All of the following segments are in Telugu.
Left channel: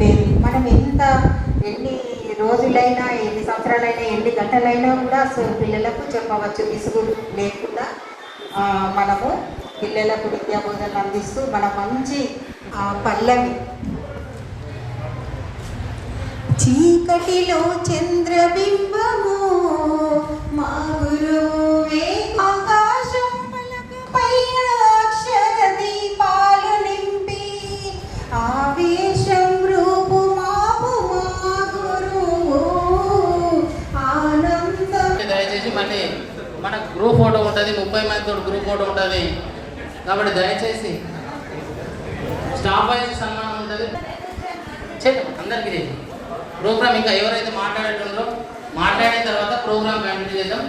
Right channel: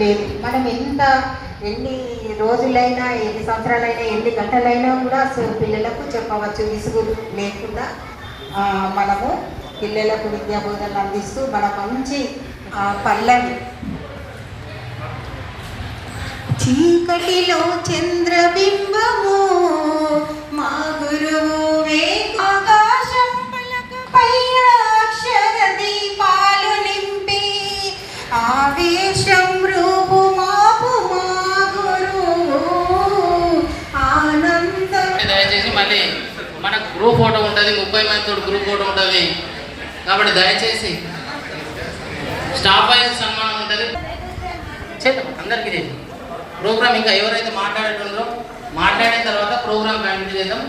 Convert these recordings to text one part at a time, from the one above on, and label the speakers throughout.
Speaker 1: లేదు మనం ఎంత ఎన్ని రోజులైనా ఎన్ని సంవత్సరాలైనా ఎన్ని గంటలైనా కూడా పిల్లలకు చెప్పవచ్చు విసుగు లేకుండా మనము పిల్లలకు విద్యాబోధనలు అందిస్తూ మన మంచి పల్లవి. చీకటిలో చంద్రబింబము
Speaker 2: తోడు గ్రూప్ ఉంటుంది. కాబట్టి దయచేసి స్టాఫ్ వైజ్ సన్మానం ఉంటుంది. చేద్దాం అందరికీ చేద్దాం. ప్రోగ్రామ్ ఇంకా ఎవరైతే మాట్లాడేటో మాట్లాడిన తర్వాత ప్రోగ్రామ్ కంటిన్యూ చేద్దాం.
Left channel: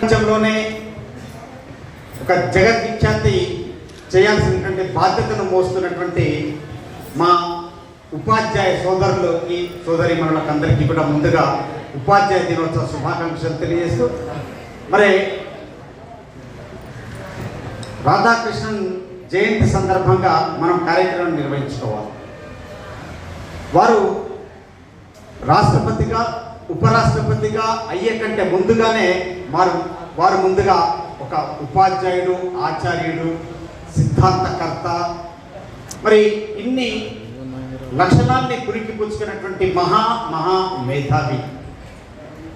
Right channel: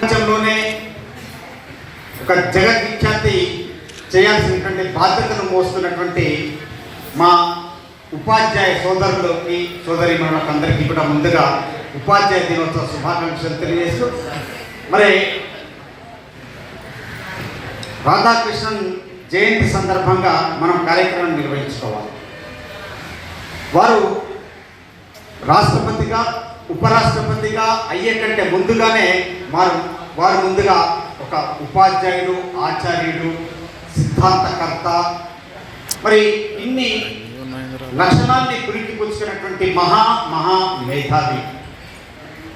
Speaker 3: ప్రపంచంలోనే ఒక జగద్విఖ్యాతి చేయాల్సినటువంటి బాధ్యతను మోస్తున్నటువంటి మా ఉపాధ్యాయ సోదరులకి సోదరి అందరికీ కూడా ముందుగా ఉపాధ్యాయ దినోత్సవ శుభాకాంక్షలు తెలియజేస్తూ మరి రాధాకృష్ణన్ జయంతి సందర్భంగా మనం కార్యక్రమం నిర్వహించుకోవాలి. వారు రాష్ట్రపతిగా ఉపరాష్ట్రపతిగా అయ్యే కంటే ముందుగానే వారు వారు ముందుగా ఒక ఉపాధ్యాయుడు ఆచార్యుడు సిద్ధాంతకర్త మరి ఇన్ని లక్షణాన్ని పురికి పుచ్చుకున్నటువంటి మహా మహా మేధావి.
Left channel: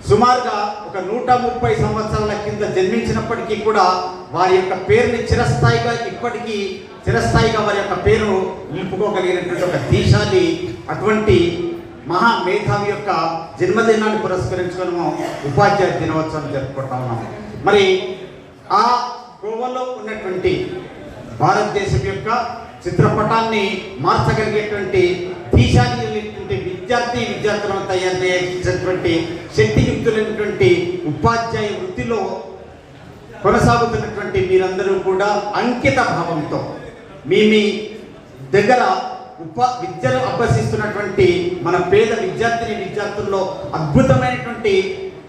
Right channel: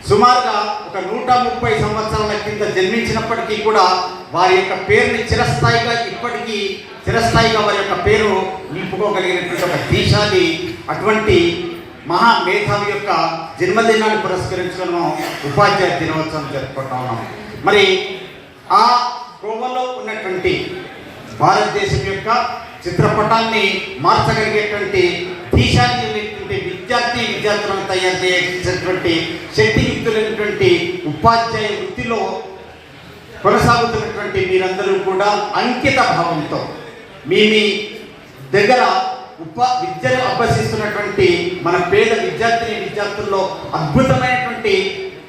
Speaker 3: సుమారుగా ఒక నూట ముప్పై సంవత్సరాల కింద జన్మించినప్పటికీ కూడా వారి యొక్క పేరుని చిరస్థాయిగా ఇప్పటికీ చిరస్థాయిగా వారి యొక్క పేరు నింపుకోగలిగినటువంటి ఒక దేశాన్ని అటువంటి మహా మేధావి యొక్క జన్మదినాన్ని పురస్కరించుకుని మనం ఉపాధ్యాయ దినోత్సవం జరుపుకుంటా ఉన్నాం. మరి ఆ కోవలో ఉన్నటువంటి భారతదేశం యొక్క చిత్రపటాన్ని మార్చగలిగేటువంటి దేశాన్ని విద్యార్థులను తయారు చేసినటువంటి శక్తియుక్తులైనటువంటి ఉపాధ్యాయ వృత్తిలో కొనసాగుతున్నటువంటి మీరందరూ కూడా అంకిత భావంతో మీ మీ దగ్గర ఉప విద్యను అభ్యసిస్తున్నటువంటి మన పేద విద్యార్థిని విద్యార్థుల్లో అద్భుతమైనటువంటి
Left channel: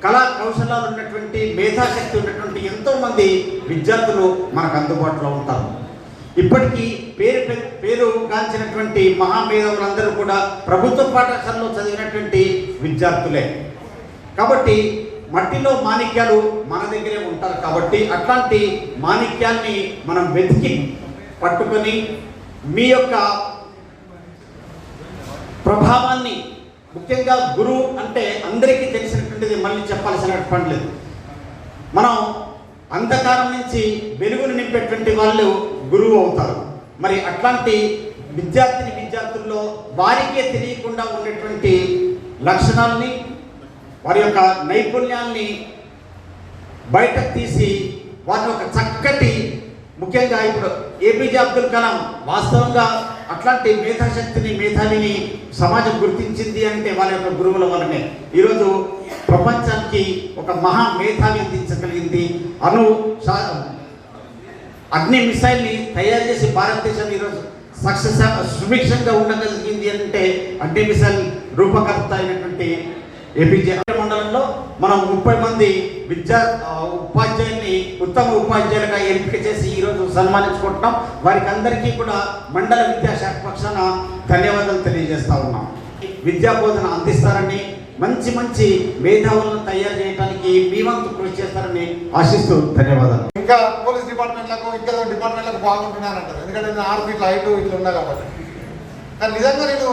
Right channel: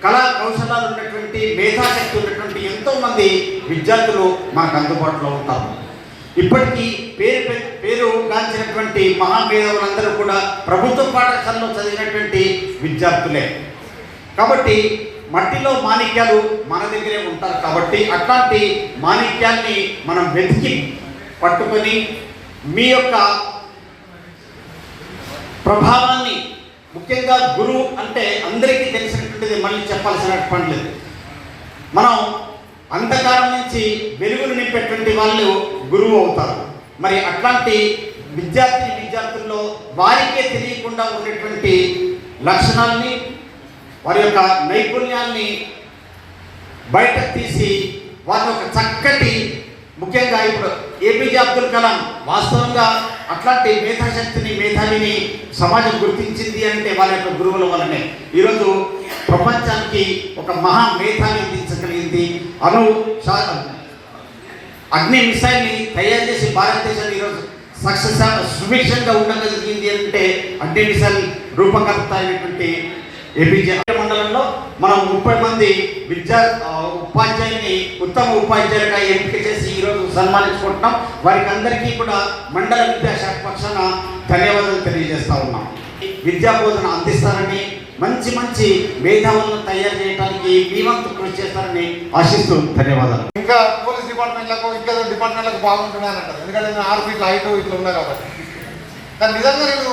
Speaker 3: కళా కౌశలాలు ఉన్నటువంటి మేధాశక్తి ఉన్నటువంటి ఎంతోమంది విద్యార్థులు మనకు అందుబాటులో ఉంటారు. ఇప్పటికీ పేరు పేరు గాంచినటువంటి మహామేధవులందరూ కూడా ప్రభుత్వ పాఠశాలలో చదివినటువంటి విద్యార్థులే. కాబట్టి మట్టిలో మాణిక్యాలు మన దగ్గరే ఉంటారు కాబట్టి అట్లాంటి మాణిక్యాన్ని మనం వెతికి పట్టుకొని మీ యొక్క ప్రభావాన్ని ముఖ్యంగా గురువు అంటే అందరికీ తెలిసినటువంటిది మళ్ళీ చెప్పాల్సిన పని లేదు. మనం అంధకారం నుంచి వెలుగును నింపేటువంటి వాళ్ళు గురువు అవుతారు. మరి అట్లాంటి విద్యార్థి విద్యార్థుల్లో వారికే తెలియకుండా ఉండేటువంటి లక్షణాలని వారి యొక్క నైపుణ్యాన్ని బయటకు తీసి వారి యొక్క చక్కటి ముఖ్యంగా ఇప్పుడు ఏపీజే అబ్దుల్ కలాం వాస్తవంగా అట్లాంటి మేధాశక్తిని మేధావిని సమాజం గుర్తించింది అంటే వాళ్ళ యొక్క గురువుల వల్లనే. ఈరోజు ప్రపంచానికి ఒక మహా మేధావి అందించగలిగింది అను అగ్ని మిసైల్ని తయారు చేసి భారతదేశాన్ని ఈరోజు సక్సెస్ సుభిక్షంగా ఉండగలిగింది అంటే అగ్ని మిసైల్ రూపకర్త అయినటువంటి ఏపీజే మండలంలో మనం ముప్పై మంది విద్యా ఉపాధ్యాయుని ఉత్తమ ఉపాధ్యాయులుగా ఎంపిక చేసి ఈరోజు సన్మానించుకుంటున్నాం. వారికి అందరికీ కూడా మండల విద్యాశాఖ పక్షాన ధన్యవాదాలు తెలియజేస్తా ఉన్నాం. విద్యా బోధన అందిస్తారని మంచి మంచి మేధావులను తయారు చేయడానికి మీ వంతు కృషి చేస్తారని ఆశిస్తూ ధన్యవాదాలు.
Speaker 4: ఇంకా పోలీస్ డిపార్ట్మెంట్లకు ఇంకా డిపార్ట్మెంట్లకు బాగుంటున్నాను అంటారు ఎందుకంటే నేను ఆరు ఫీట్లు హైట్ ఇట్లా ఉన్నా కాబట్టి. కానీ నిజంగా నేను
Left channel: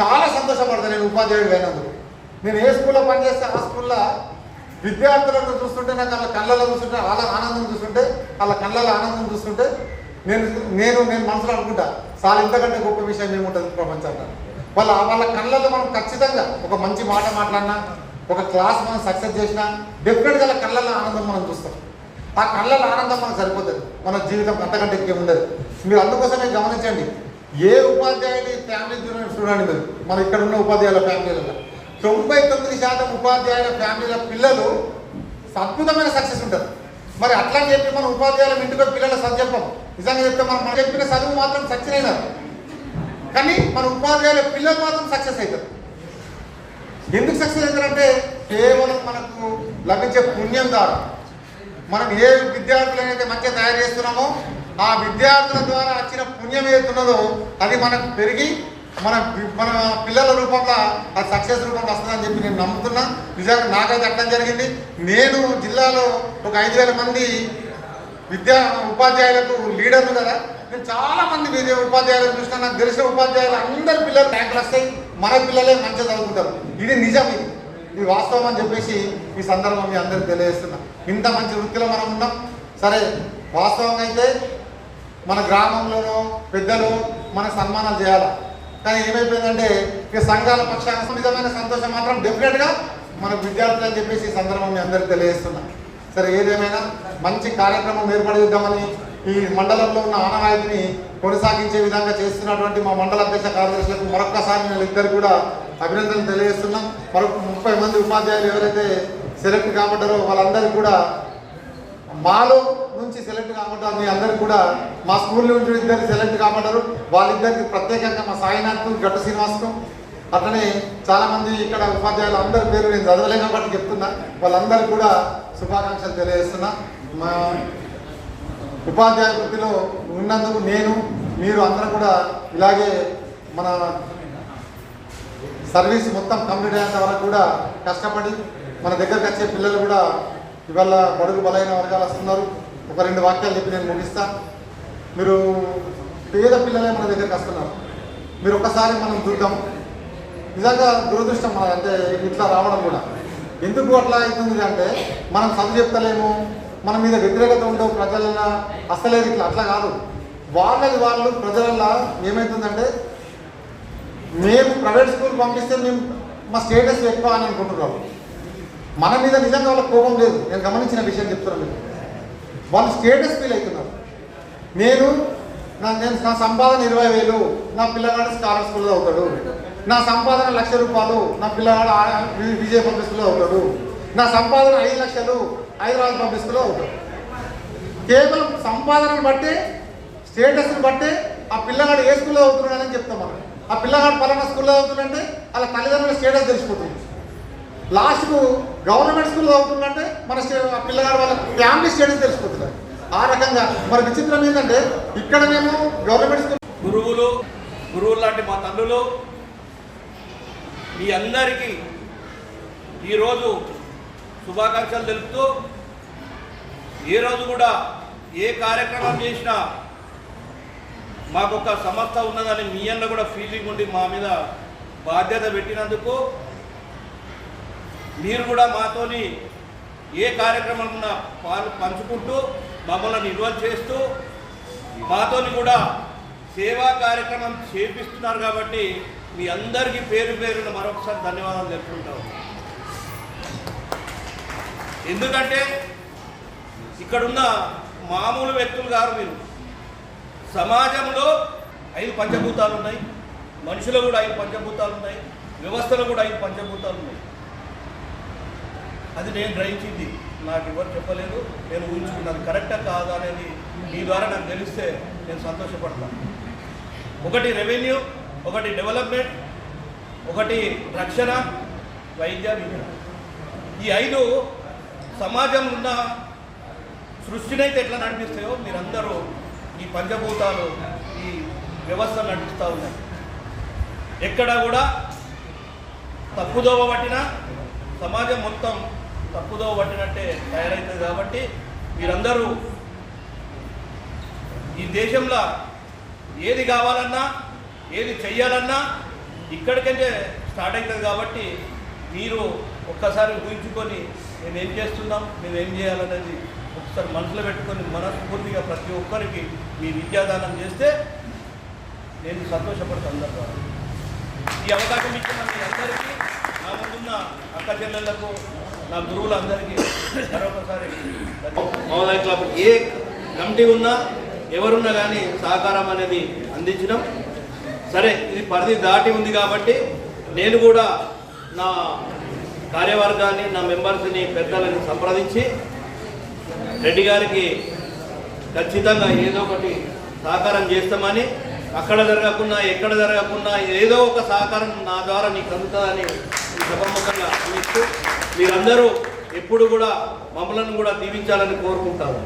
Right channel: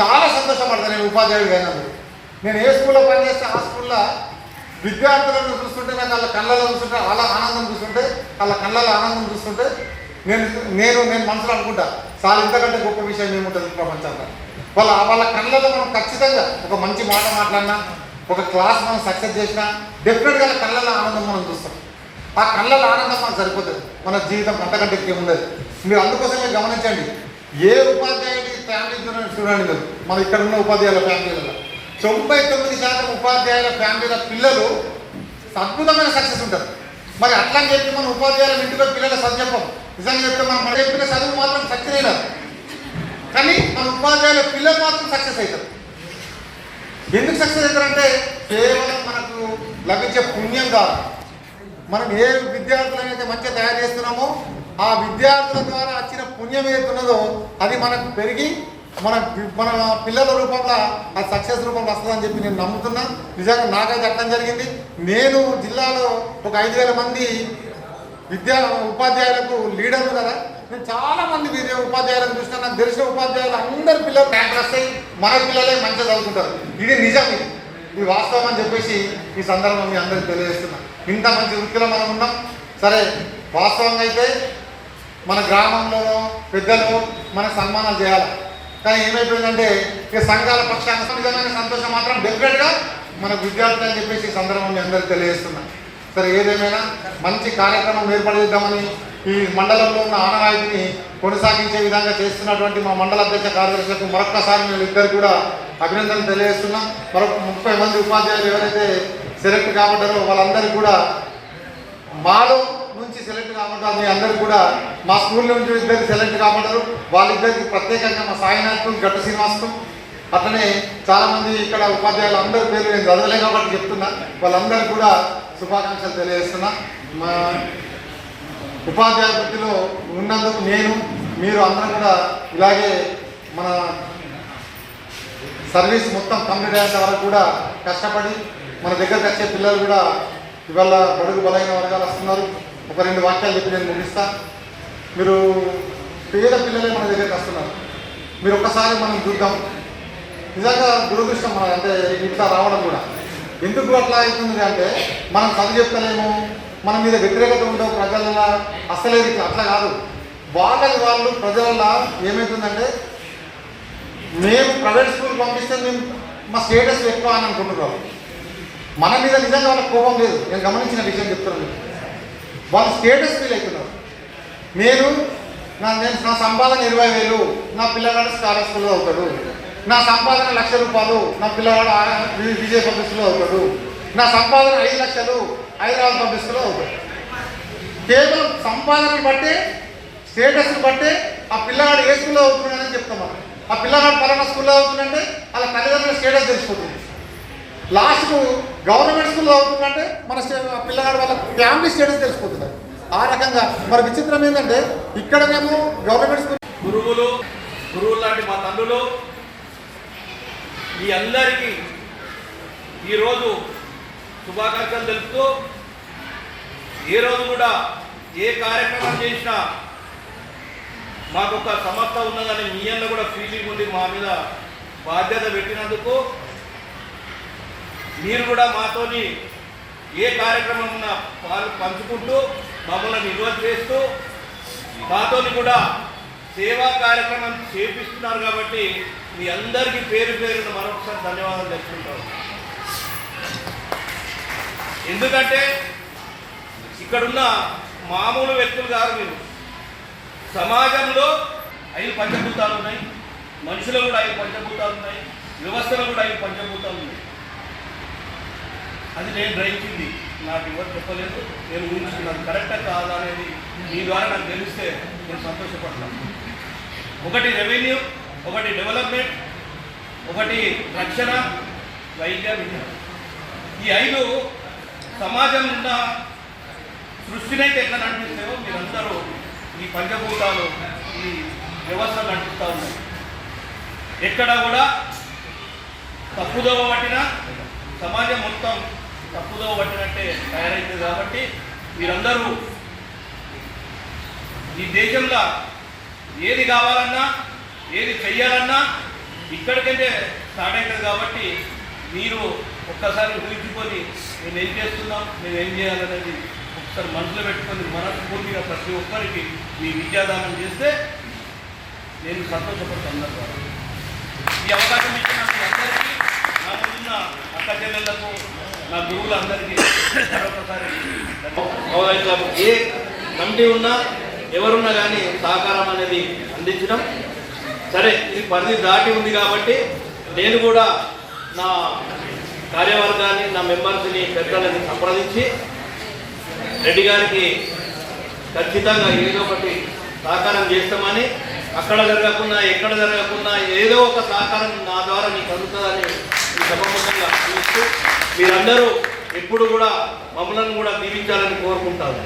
Speaker 4: చాలా సంతోషపడతాను నేను ఉపాధ్యాయుడు అయినప్పుడు నేను ఏ స్కూల్లో పనిచేస్తే ఆ స్కూల్లో విద్యార్థులను చూస్తుంటే నాకు వాళ్ళ కళ్ళలో చూస్తుంటే వాళ్ళ ఆనందం చూస్తుంటే వాళ్ళ కళ్ళలో ఆనందం చూస్తుంటే నేను నేను నేను మనసులో అనుకుంటా చాలా ఇంతకంటే గొప్ప విషయం ఏముంటుంది ప్రపంచంలో? వాళ్ళ వాళ్ళ కళ్ళలో మనం ఖచ్చితంగా ఒక మంచి మాట మాట్లాడినా ఒక క్లాస్ మనం సక్సెస్ చేసినా డెఫినెట్గా కళ్ళలో ఆనందం మనం చూస్తాం. ఆ కళ్ళలో ఆనందం మనకు సరిపోతుంది. మన జీవితం అంతకంటే ఎక్కువ ఉండదు మీరు అందుకోసమే గమనించండి. ఏ ఉపాధ్యాయుడి ఫ్యామిలీ చూడండి చూడండి మీరు మన ఇక్కడ ఉన్న ఉపాధ్యాయుల ఫ్యామిలీలలో తొంభై తొమ్మిది శాతం ఉపాధ్యాయుల ఫ్యామిలీల పిల్లలు అద్భుతమైన సక్సెస్ ఉంటారు. మరి అట్లా చెప్పి మన ఉపాధ్యాయుల ఇంటిలో పిల్లల చదువు నిజంగా చెప్తే మనం మన చెప్పిన చదువు మాత్రం సక్సెస్ అయినారు కానీ మన ఉపాధ్యాయుల పిల్లలు మాత్రం సక్సెస్ అవుతారు. ఎందుకు సక్సెస్ అవుతారంటే కేవలం మనకు లభించే పుణ్యం కాదు. మనం ఏ విద్యార్థులనైతే మంచిగా తయారు చేస్తున్నామో ఆ విద్యార్థుల ద్వారా వచ్చిన పుణ్యం ఏదైతున్నదో అది మనకు పెరిగి మన మన పిల్లల రూపంలో ఆ సక్సెస్ రూపంలో వస్తుందని చెప్పి నేను నమ్ముతున్నా. నిజంగా నాకైతే అర్థం జరిగింది. నేను జిల్లాలో ఒక ఐదు వేల మంది విద్యా ఉపాధ్యాయులకు లీడర్లు కదా నేను చాలా మంది విద్య ఉపాధ్యాయులను చూసిన నాకు తెలిసిన ఉపాధ్యాయులు అందరి పిల్లలు ర్యాంక్ వస్తాయి మన పిల్లలే మంచిగా చదువుకుంటారు. ఇది నిజం ఇది. ఇది వాస్తవం అని చెప్పేసి ఈ సందర్భం మీ అందరికి తెలియజేస్తున్నా. ఇంత మంచి వృత్తిలో మనం ఉన్నాం. సరే వాస్తవంగా అయితే మన గ్రామంలో పెద్దలు మన సన్మానాలు చేయాలి? కానీ ఏమైపోయిందంటే ఇక సంఘాల పక్షాన సంతోషం మాత్రం డెఫినెట్గా మన విద్యార్థులు అని చెప్పేసి ఈ సందర్భం మీ అందరికి తెలియజేస్తున్నాను సరే ఏదేమైనా మంచి కార్యక్రమం ఏర్పడిద్దామని ఈ మండలంలో ఉన్న ఆనవాయితీని కొనసాగించే విధంగా చేస్తున్నటువంటి మా మండల అధ్యక్ష కార్యదర్శులకు మరొక్కసారి మేము ఇద్దరు కూడా అభినందనలు తెలియజేస్తున్నాం. మరొక ముప్పై మంది ఉపాధ్యాయులు ఎవరైతే సెలెక్ట్ కాబట్టారో వాళ్ళందరూ కూడా మాలో నుంచి సెలెక్ట్ కాబట్టారు మీ అందరూ కూడా మా స్కూల్ నుంచి ఇద్దరు సెలెక్ట్ కాబట్టారు వాళ్ళిద్దరికి ప్రత్యేకంగా మా సాయినాథ్కు గట్ట శ్రీనివాస్కు. అట్లనే చాలామంది ఇక్కడ ఉపాధ్యాయులు అందరి పేరు నేను చదవలేనప్పటికీ చెప్తున్నా. వాళ్ళందరూ కూడా శుభాకాంక్షలు తెలియజేస్తున్నా. మా ఉపాధ్యాయ వృత్తిలో ఉన్నందుకు నేను మీరు అందరూ కూడా ఇలాగే మన సర్వీస్ మొత్తం కంప్లీట్ అయ్యేంత వరకు కూడా కష్టపడి మన దగ్గరకు వచ్చే పిల్లలు కూడా ఇవాళ బడుగు బలైన వర్గాలు వస్తున్నారు. ఒక రెండు వాక్యాలు చెప్పి నేను ముగిస్తా. మీరు పేద పిల్లలే మన దగ్గరికి వస్తున్నారు. మీరు ఒక్కసారి మనం చూద్దాం. నిజంగా దురదృష్టం అంటే ఇట్లా రావడం కూడా. ఎందుకు అట్లా అవుతుంది అంటే మనం చదువు చెప్తలేము మన మీద వ్యతిరేకత ఉండవు ప్రజల అసలేదు ఇట్లా అట్లా కాదు. వాళ్ళకి వాళ్ళు ప్రజల ఏమవుతుందంటే మేము ప్రైవేట్ స్కూల్ పంపిస్తే మేము మా స్టేటస్ ఎక్కువ అని అనుకుంటున్నాం. మన మీద నిజంగా వాళ్ళకి కోపం లేదు. నేను గమనించిన విషయం చెప్తున్నాను వాళ్ళు స్టేటస్ ఫీల్ అవుతున్నారు నేను నా నేను నా సంపాదన ఇరవై వేలు నా పిల్లగాడు స్కాలర్ అవుతాడు. నా సంపాదన లక్ష రూపాయలు నా పిల్లవాడు విజయ పంపిస్తులో ప్రభు నా సంపాదన ఐదు లక్షలు హైదరాబాద్ పంపిస్తులో కేవలం సంపాదనను బట్టి స్టేటస్ని బట్టే ఆ పిల్లవాడు ఏ స్కూల్లో అవుతున్నాడని చెప్తాం మనం. ఆ పిల్లగాడు పలానా స్కూల్లో అవుతుందంటే అలా తల్లిదండ్రుల స్టేటస్ తెలిసిపోతుంది. లాస్ట్కు గవర్నమెంట్ స్కూల్లో అవుతుందంటే మన స్టే- ఆ పిల్లగాడు వాళ్ళ ఫ్యామిలీ స్టేటస్ తెలిసిపోతుంది ఆ రకంగా మరి విచిత్రం ఏంటంటే ఇక్కడనేమో గవర్నమెంట్
Speaker 2: స్కూల్ గురువులు గురువులు లాంటి మా తల్లులు మీ అందరికీ ఈరోజు శుభాకాంక్షలు తెలుపుతూ ఏ రోజు కూడా ఏ కార్యక్రమం చేసినా మాకు ఒక సమర్థ ఉన్నదని మీ అన్న కూడా ఫీలింగ్ ఉంది మా మీద బాధ్యత పెట్టినందుకు మీరు కూడా మాతోని ఏ కార్యక్రమం ఉన్నా పాలు పంచుకుంటూ మమ్మల్ని నిల్వ చేస్తూ మాతోని కూడా సేవా కార్యక్రమం చేపిస్తున్నారు కాబట్టి మీ అందరికీ పేరు పేరున మరొకసారి ధన్యవాదాలు తెలుపుకుంటాం. ఎందుకంటే ఇక్కడున్న మామూలు వ్యక్తులు కాదు మీరు. సమాజంలో ఐదు పంచభూతాలు ఉన్నాయి. మనుషులు కూడా ఐదు పంచభూతాలు ఉన్నాయి. వ్యవస్థలో కూడా ఐదు పంచభూతాలు ఉన్నాయి. అది నేను గ్రహించింది. నాకు ఎవరు చెప్పలేదు. నేను ఊహించుకున్నాను కరెక్టా కాదా అనేది మీ ద్వారా నాకు తెలిస్తే నేను సంతోషపడతాను. ఒకటి రెవెన్యూ ఒకటి డెవలప్మెంట్ ఒకటి రక్షణ వైద్య విద్య. ఈ ఐదు సమాజం ఉన్న సృష్టినైతే ఎట్లా నడిపిస్తాయో మీరందరూ ఈ పంచభూతాలు ఈ వ్యవస్థ నడిపిస్తూ ఉన్నాయి ఎక్కడ కూడా తప్పుదోవ పట్టినా సమాజం మొత్తం తప్పుదోవ పట్టినట్టే తయారైంది కాబట్టి మీరందరూ ఈ దేశంలో ఏది కావాలన్నా ఏది చెయ్యాలన్నా ఇక్కడికంటే స్టార్ట్ అవుతుంది కాబట్టి మీరు ఒక్కసారి ఊహించుకొని నేను ఏం చేస్తున్నాం నేను ఏం చేయాలనేది ఒకసారి మనసులో పెట్టుకొని మనస్ఫూర్తిగా ప్రతి ఒక్కరికి మీ విద్యాదానం చేస్తే నేను సంతోషపడతాను అందరి ద్వారా ఈ అవకాశం ఇచ్చిన అందరికీ నా ముందున్న అక్క చెల్లెళ్ళకు నా గురువులందరికీ మరొకసారి ఏ కమిటీ ఉన్నా ఎవరున్నా కానీ సహకారం అనేది అందించడం సరే ఇది పరిధి దాటి ఉంది కాబట్టి నేను కూడా నా కార్యవర్గాన్ని నా మెంబర్స్ని పెద్దలని సంప్రదించి రెడ్డి గారికి ఖచ్చితంగా ఏదో ఒకటి సహకారం చేస్తామని అక్కడ జరగకుండా ఎక్కడ జరగకుండా ఏదో ఒక సహకారం నా ద్వారా నీకు అందుతుందని ఈ సభముఖంగా చూస్తూ మీరందరూ ఎప్పుడు కూడా మమ్మల్ని కూడా దీవించాలని కోరుకుంటాను.